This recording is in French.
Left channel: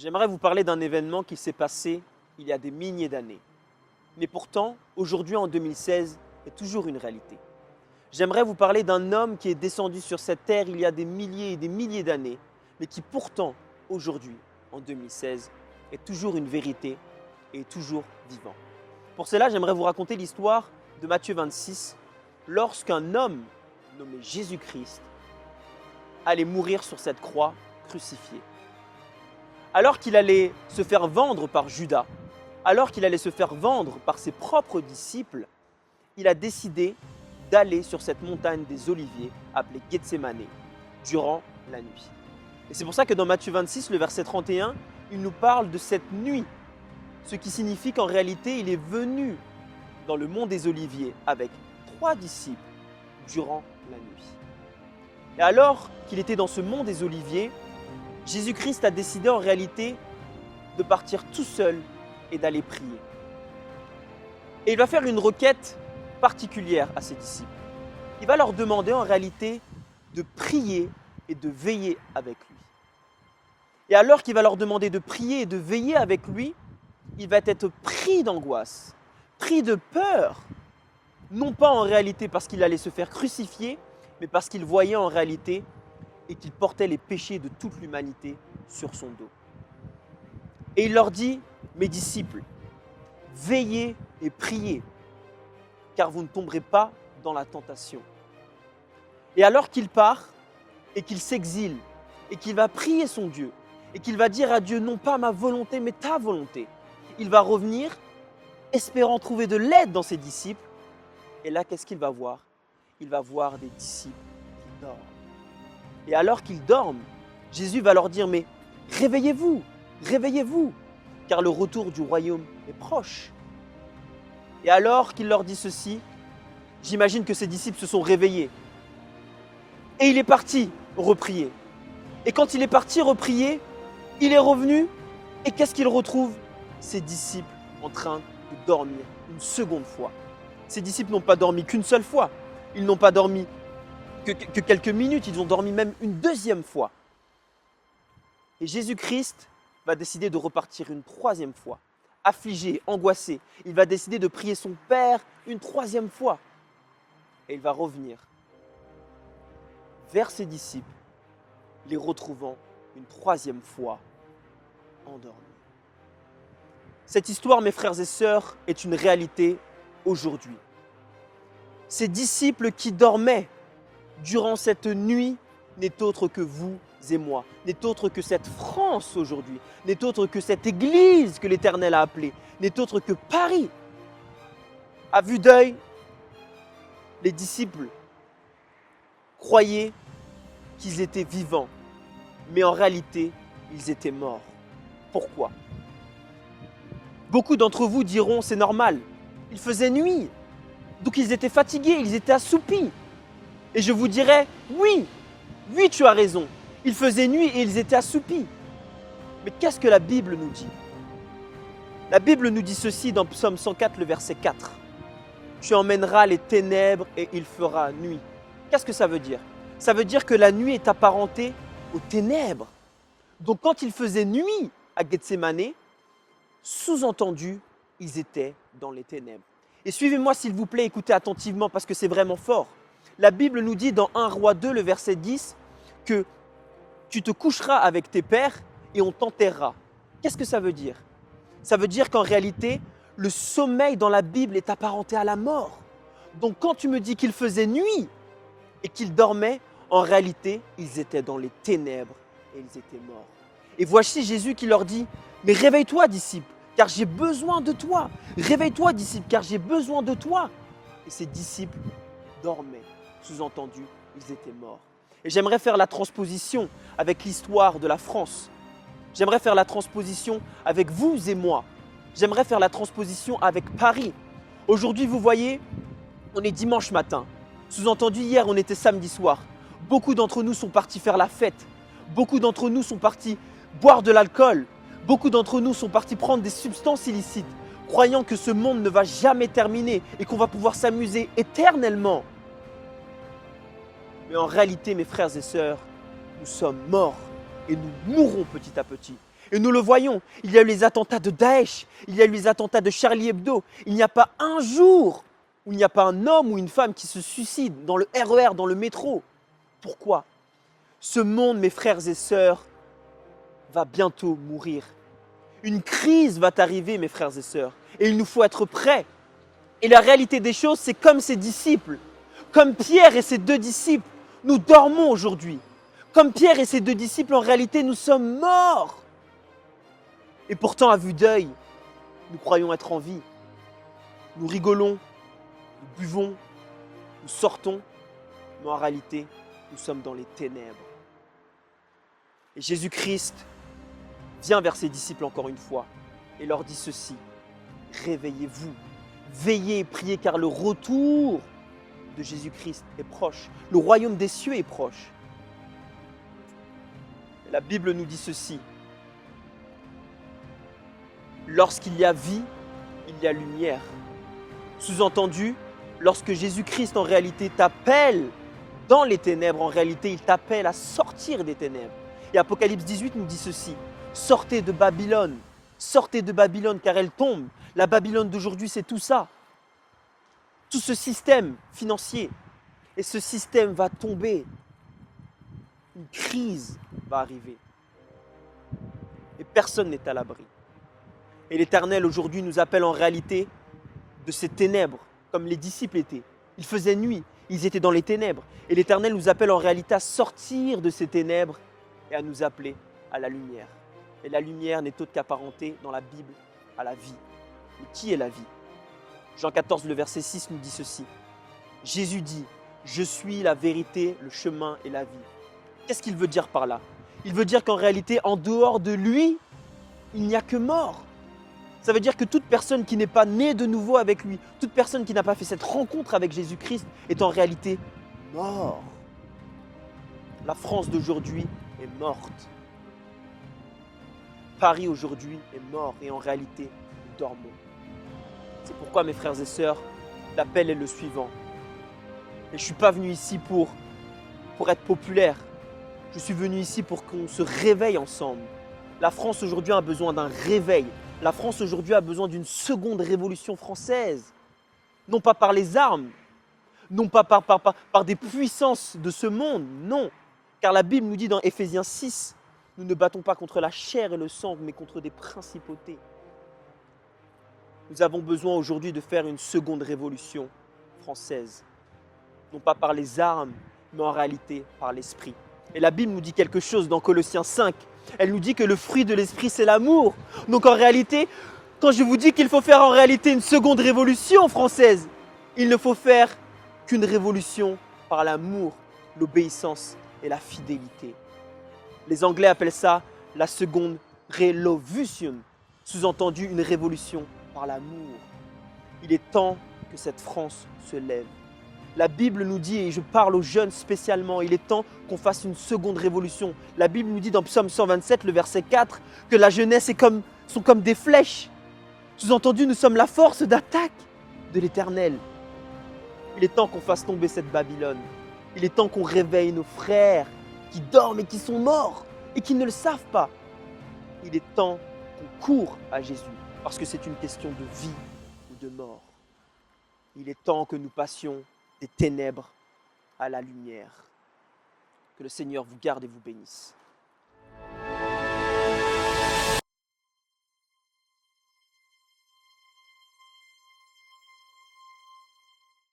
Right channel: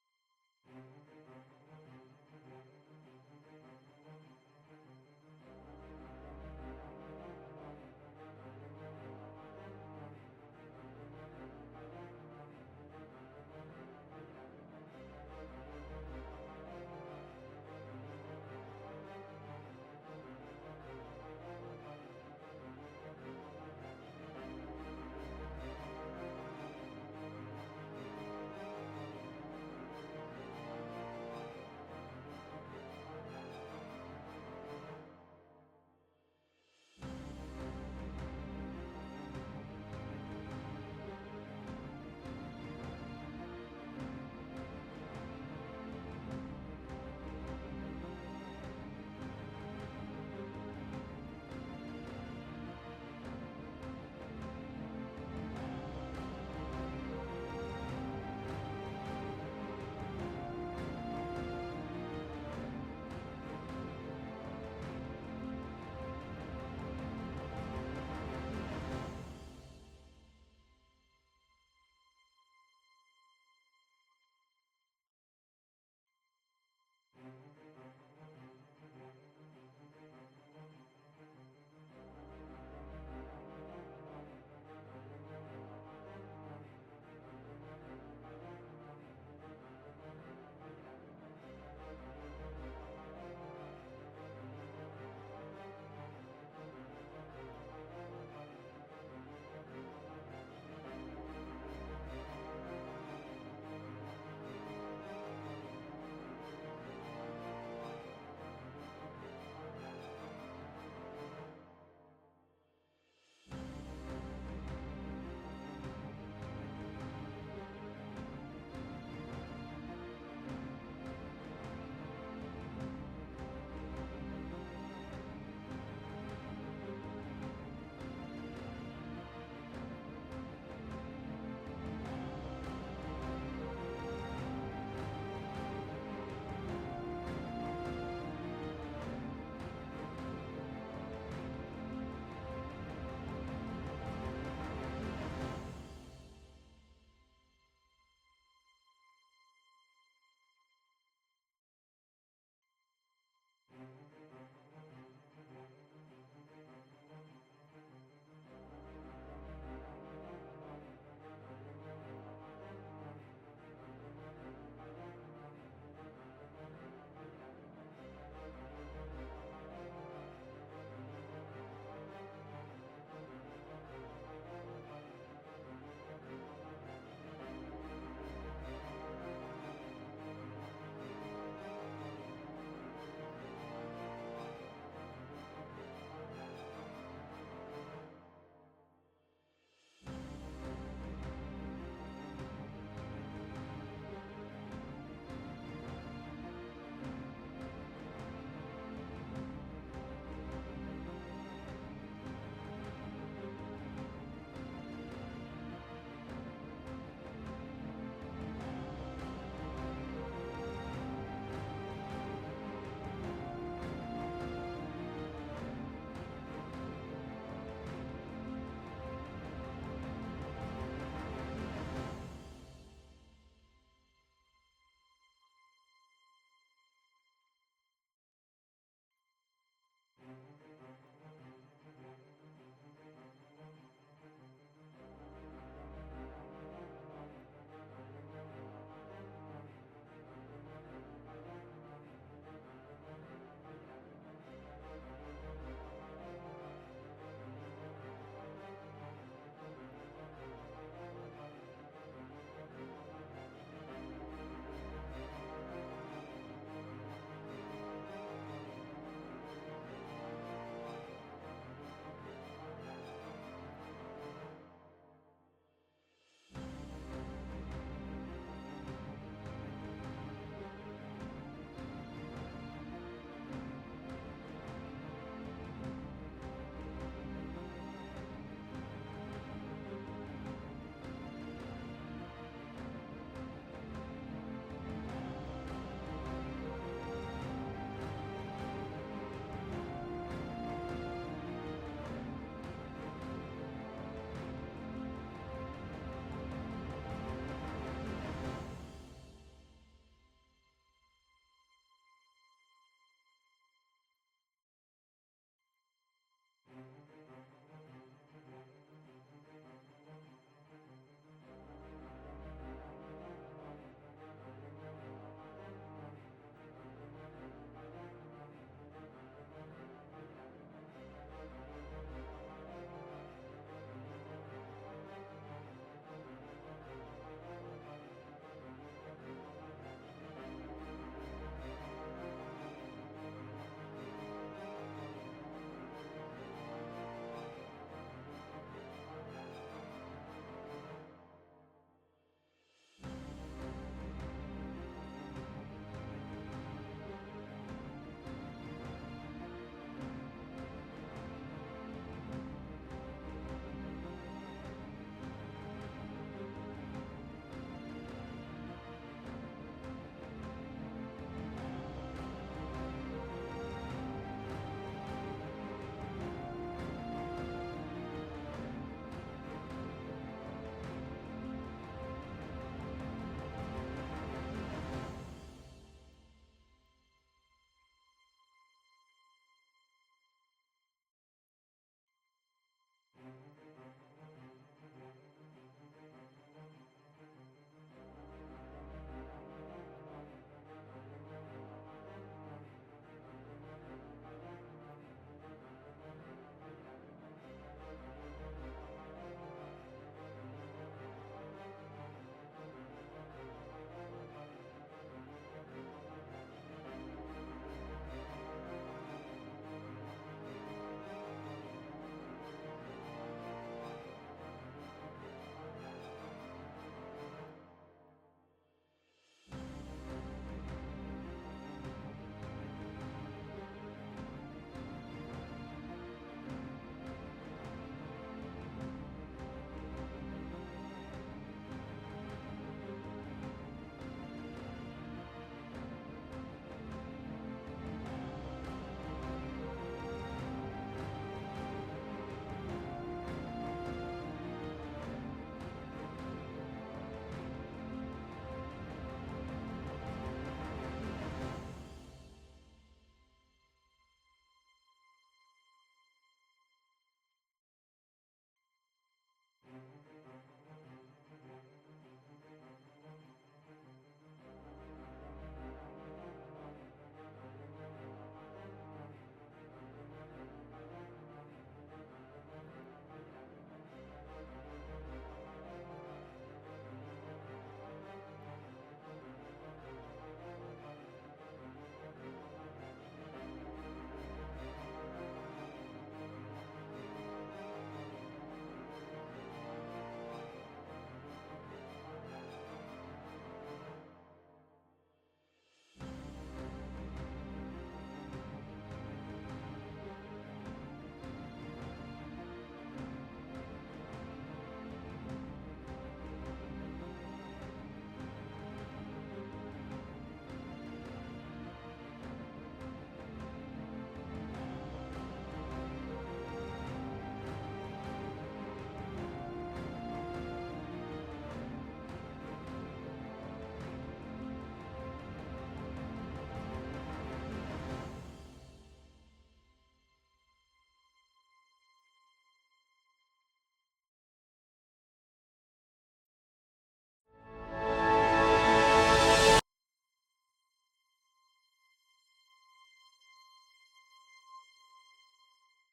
J'aimerais vous parler d'un événement qui s'est passé il y a des milliers d'années. Mais pourtant, aujourd'hui en 2016, est toujours une réalité. J'aimerais vous parler d'un homme qui est descendu sur cette terre il y a des milliers et des milliers d'années, mais qui pourtant, aujourd'hui, en 2016, est toujours une vérité et est toujours vivant. Pour cela, j'aimerais vous raconter l'histoire de Matthieu 26, lorsqu'un homme nommé Jésus-Christ allait mourir sur cette croix crucifié. Alors qu'il allait se faire vendre par Judas, alors qu'il allait se faire vendre par ses propres disciples, il a décidé d'aller sur cette montagne des Oliviers appelée Gethsémane durant la nuit. Et c'est pour ça que dans Matthieu 26, le verset 31, il nous parle de cette nuit, ce qui signifie qu'en réalité, il est venu dans le mont des Oliviers avec 3 disciples durant la nuit. Et alors qu'il était dans ce mont des Oliviers, Jésus-Christ a décidé en réalité de partir tout seul et d'aller prier. Et il va faire une requête particulière à ses disciples. Il va leur demander en réalité de prier et de veiller avec lui. Et alors qu'il va leur demander de prier et de veiller avec lui, il va être pris d'angoisse, pris de peur, non pas en réalité parce qu'il allait se faire crucifier, mais parce qu'il voyait en réalité et qu'il portait les péchés de toute l'humanité sur son dos. Et il leur dit, mes disciples, veillez et priez, car vous ne tomberez pas dans la tentation. Et alors qu'il part et qu'il s'exile et qu'il va prier son Dieu et qu'il va dire à Dieu, non pas ma volonté, mais ta volonté, il va revenir espérant trouver de l'aide dans ses disciples. Et là, qu'est-ce qu'il va voir? Il va voir des disciples qui dorment. Et alors qu'ils dorment, Jésus va leur dire, mais réveillez-vous, réveillez-vous, car le retour du royaume est proche. Et alors qu'il leur dit ceci, j'imagine que ses disciples se sont réveillés. Et il est parti reprier. Et quand il est parti reprier, il est revenu, et qu'est-ce qu'il retrouve? Ses disciples en train de dormir une seconde fois. Ses disciples n'ont pas dormi qu'une seule fois, ils n'ont pas dormi que quelques minutes, ils ont dormi même une deuxième fois. Et Jésus-Christ va décider de repartir une troisième fois. Affligé, angoissé, il va décider de prier son Père une troisième fois. Et il va revenir vers ses disciples, les retrouvant une troisième fois endormis. Cette histoire, mes frères et sœurs, est une réalité aujourd'hui. Ces disciples qui dormaient durant cette nuit n'est autre que vous et moi, n'est autre que cette France aujourd'hui, n'est autre que cette Église que l'Éternel a appelée, n'est autre que Paris. À vue d'œil, les disciples croyaient qu'ils étaient vivants, mais en réalité, ils étaient morts. Pourquoi? Beaucoup d'entre vous diront, c'est normal, il faisait nuit, donc ils étaient fatigués, ils étaient assoupis. Et je vous dirais, oui, tu as raison. Il faisait nuit et ils étaient assoupis. Mais qu'est-ce que la Bible nous dit? La Bible nous dit ceci dans Psaume 104, le verset 4. Tu emmèneras les ténèbres et il fera nuit. Qu'est-ce que ça veut dire? Ça veut dire que la nuit est apparentée aux ténèbres. Donc quand il faisait nuit à Gethsémane, sous-entendu, ils étaient dans les ténèbres. Et suivez-moi s'il vous plaît, écoutez attentivement parce que c'est vraiment fort. La Bible nous dit dans 1 Roi 2, le verset 10, que tu te coucheras avec tes pères et on t'enterrera. Qu'est-ce que ça veut dire? Ça veut dire qu'en réalité, le sommeil dans la Bible est apparenté à la mort. Donc quand tu me dis qu'il faisait nuit et qu'ils dormaient, en réalité, ils étaient dans les ténèbres et ils étaient morts. Et voici Jésus qui leur dit, mais réveille-toi disciples, car j'ai besoin de toi. Réveille-toi disciples, car j'ai besoin de toi. Et ces disciples dormaient. Sous-entendu, ils étaient morts. Et j'aimerais faire la transposition avec l'histoire de la France. J'aimerais faire la transposition avec vous et moi. J'aimerais faire la transposition avec Paris. Aujourd'hui, vous voyez, on est dimanche matin. Sous-entendu, hier, on était samedi soir. Beaucoup d'entre nous sont partis faire la fête. Beaucoup d'entre nous sont partis boire de l'alcool. Beaucoup d'entre nous sont partis prendre des substances illicites, croyant que ce monde ne va jamais terminer et qu'on va pouvoir s'amuser éternellement. Mais en réalité, mes frères et sœurs, nous sommes morts et nous mourrons petit à petit. Et nous le voyons, il y a eu les attentats de Daesh, il y a eu les attentats de Charlie Hebdo. Il n'y a pas un jour où il n'y a pas un homme ou une femme qui se suicide dans le RER, dans le métro. Pourquoi? Ce monde, mes frères et sœurs, va bientôt mourir. Une crise va arriver, mes frères et sœurs, et il nous faut être prêts. Et la réalité des choses, c'est comme ses disciples, comme Pierre et ses deux disciples, nous dormons aujourd'hui. Comme Pierre et ses deux disciples, en réalité, nous sommes morts. Et pourtant, à vue d'œil, nous croyons être en vie. Nous rigolons, nous buvons, nous sortons, mais en réalité, nous sommes dans les ténèbres. Et Jésus-Christ vient vers ses disciples encore une fois et leur dit ceci: réveillez-vous, veillez et priez car le retour de Jésus-Christ est proche. Le royaume des cieux est proche. La Bible nous dit ceci: lorsqu'il y a vie, il y a lumière. Sous-entendu, lorsque Jésus-Christ en réalité t'appelle dans les ténèbres, en réalité il t'appelle à sortir des ténèbres. Et Apocalypse 18 nous dit ceci: sortez de Babylone car elle tombe. La Babylone d'aujourd'hui, c'est tout ça. Tout ce système financier. Et ce système va tomber. Une crise va arriver. Et personne n'est à l'abri. Et l'Éternel aujourd'hui nous appelle en réalité de ces ténèbres, comme les disciples étaient. Il faisait nuit, ils étaient dans les ténèbres. Et l'Éternel nous appelle en réalité à sortir de ces ténèbres et à nous appeler à la lumière. Et la lumière n'est autre qu'apparentée dans la Bible à la vie. Et qui est la vie? Jean 14, le verset 6 nous dit ceci. Jésus dit: je suis la vérité, le chemin et la vie. Qu'est-ce qu'il veut dire par là? Il veut dire qu'en réalité, en dehors de lui, il n'y a que mort. Ça veut dire que toute personne qui n'est pas née de nouveau avec lui, toute personne qui n'a pas fait cette rencontre avec Jésus-Christ est en réalité mort. La France d'aujourd'hui est morte. Paris aujourd'hui est mort et en réalité, nous dormons. C'est pourquoi, mes frères et sœurs, l'appel est le suivant. Et je ne suis pas venu ici pour être populaire. Je suis venu ici pour qu'on se réveille ensemble. La France aujourd'hui a besoin d'un réveil. La France aujourd'hui a besoin d'une seconde révolution française. Non pas par les armes, non pas par des puissances de ce monde, non. Car la Bible nous dit dans Éphésiens 6, nous ne battons pas contre la chair et le sang, mais contre des principautés. Nous avons besoin aujourd'hui de faire une seconde révolution française. Non pas par les armes, mais en réalité par l'esprit. Et la Bible nous dit quelque chose dans Colossiens 5. Elle nous dit que le fruit de l'esprit, c'est l'amour. Donc en réalité, quand je vous dis qu'il faut faire en réalité une seconde révolution française, il ne faut faire qu'une révolution par l'amour, l'obéissance et la fidélité. Les Anglais appellent ça la seconde revolution, sous-entendu une révolution par l'amour. Il est temps que cette France se lève. La Bible nous dit, et je parle aux jeunes spécialement, il est temps qu'on fasse une seconde révolution. La Bible nous dit dans Psaume 127, le verset 4, que la jeunesse sont comme des flèches. Sous-entendu, nous sommes la force d'attaque de l'Éternel. Il est temps qu'on fasse tomber cette Babylone. Il est temps qu'on réveille nos frères qui dorment et qui sont morts et qui ne le savent pas. Il est temps qu'on court à Jésus parce que c'est une question de vie ou de mort. Il est temps que nous passions des ténèbres à la lumière. Que le Seigneur vous garde et vous bénisse.